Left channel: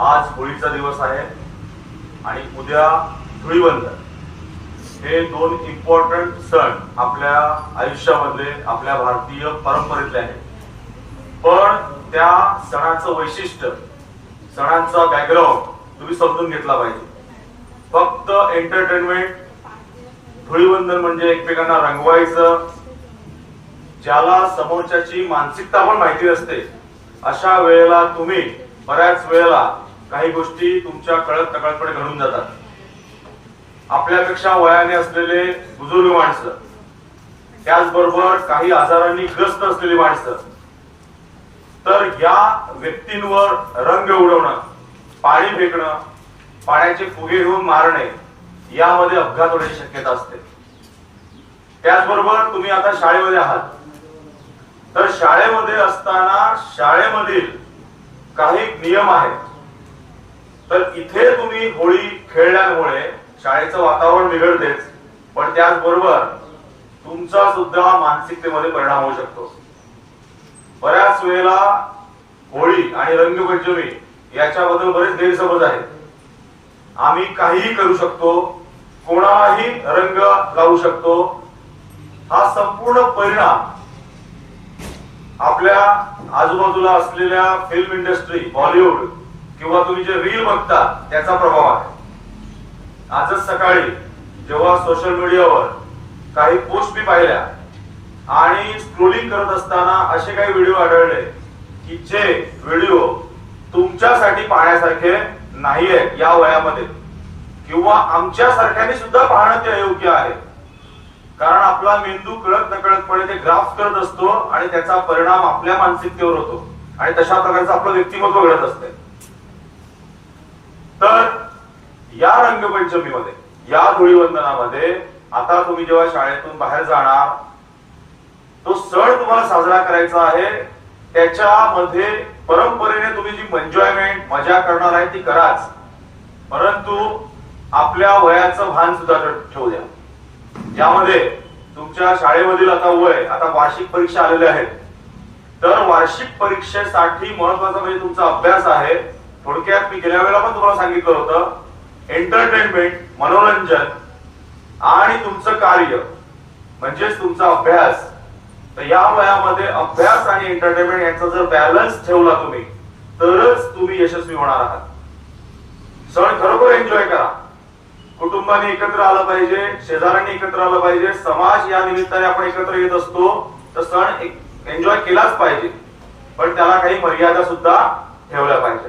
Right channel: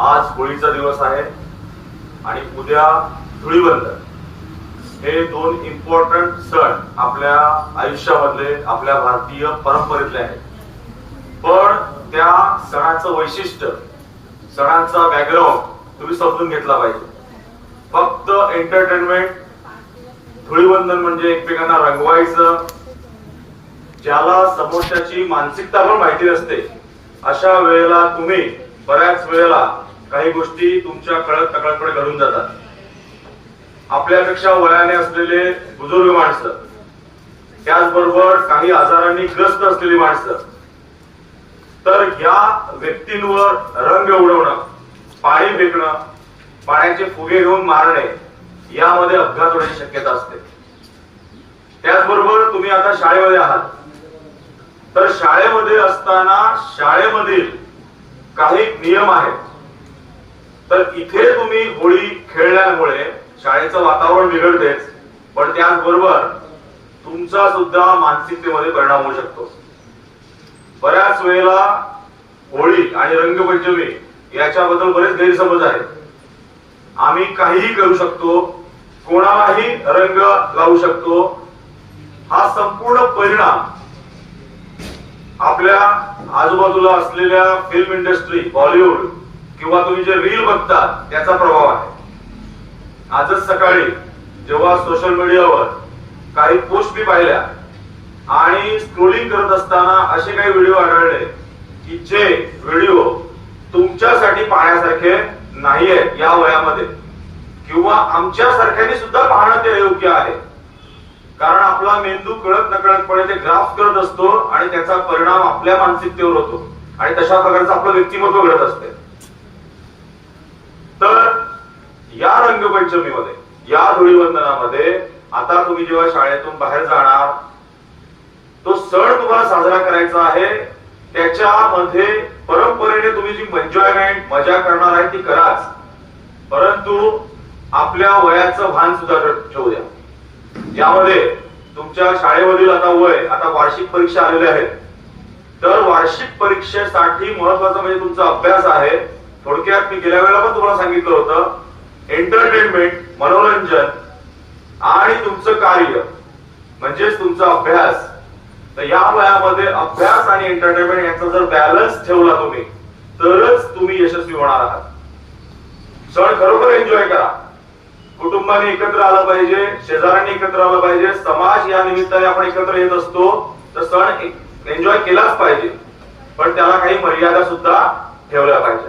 आज होळीचा दिवस आहे आणि उद्या धुळीवंदन हे दोन इम्पॉर्टंट सण आपल्या आयुष्यामधले आपल्या भारतीय परंपरेतले आहेत। पण त्या सणाचं वैशिष्ट्य, सणांचा बॅकग्राऊंड तुम्ही समजून घेतला पाहिजे। फक्त एंटरटेनमेंट, धुळीवंदन म्हणजे एकमेकांना रंगवायचं, ज्याला समोरच्याची मानसिकता पण माहिती असते अशा वेळेला तुम्ही बऱ्याच वेळेला काही गोष्टी तुमच्या कळत नकळतपणे घडून जातात। आपल्यापेक्षा वयाने असलेले बुजुर्ग माणसं, त्याचबरोबर काही आजारांनी ग्रस्त असलेली माणसं, तर या व्यक्तींवर रंग उडवणं, पाणी फेकणं, पाण्याचे फुगे घेऊन मारणे यामध्ये अपघात होण्याची शक्यता असते। त्याचबरोबर तुम्ही आता शाळेमध्ये आहात, तर शाळेमध्ये असताना शाळेमधील काही नियम आहेत। तर इथे तुम्ही होळी खेळल्यामुळे शाळेचं वातावरण बिघडतेच, पण त्याचबरोबर तुमचा सुद्धा मानसिकतेमध्ये परिणाम होऊ शकतो। बऱ्याच वेळेला होळी आणि रंगपंचमी याच्याबद्दल बरेच गैरसमज आहेत। आम्ही काहीही करू शकतो, कोणालाही रंग लावू शकतो, हा संपूर्ण परिणाम आपल्या आजूबाजूला असलेल्या फिल्म इंडस्ट्री, बॉलिवूड किंवा तुम्ही जे रील बघता त्याचा प्रभाव आहे। आजच सकाळी जेव्हा सोशल मीडियावर काही पोस्ट मी पाहिल्या आणि स्क्रोलिंग करत असताना असे काही व्हिडिओ आढळले की जे व्हिडिओ तुमच्यासाठी पाहण्यासारखे नाहीये या वयामध्ये, किंवा आमच्या सारख्याने सुद्धा पाहणं ते अयोग्य आहे। कारण आपला मेंदू कळत नकळतपणे ते ग्राफ करत असतो आणि त्याचा परिणाम आपल्या मानसिकतेवर होतो आणि तशा प्रकारचं आपलं व्यक्तिमत्व घडत असते। तर या रंगपंचमीमध्ये, या धुळीवंदनामध्ये आता तुम्ही जेव्हा शाळेतून बाहेर जाणार, तो सण तुम्हाला साजरा करायचा आहे, त्याच्यामध्ये परंपरेने तुम्ही जी एन्जॉयमेंट, मजा करणार आहे ती कराच, परंतु आपल्या वयाचं भान सुद्धा ठेवू द्या। ज्यामध्ये तुमच्या शाळेमधील आता वय, आता वार्षिक परीक्षा आलेल्या आहेत, तर वार्षिक परीक्षेसाठी महत्वाचं म्हणजे तुमचा अभ्यास आहे। थोडक्यात मी गेल्या वेळेला पण तुम्हाला सांगितलं होतं, एंटरटेनमेंट, मनोरंजन आणि तुमचं कार्य म्हणजेच तुमचा अभ्यास। तर या वयामध्ये अभ्यास आणि एंटरटेनमेंट यांचा जर बॅलन्स ठेवला तुम्ही, तरच तुम्ही यशस्वी होणार आहात। सण खरोखर एन्जॉय करा, कुटुंबाने एकत्र आलं पाहिजे, शेजाऱ्यांनी एकत्र आलं पाहिजे, समाज या निमित्ताने आपण एकत्र येत असतो, तर सण एन्जॉय केलाच पाहिजे, पण त्याला काही मर्यादा सुद्धा ठेवल्या पाहिजे।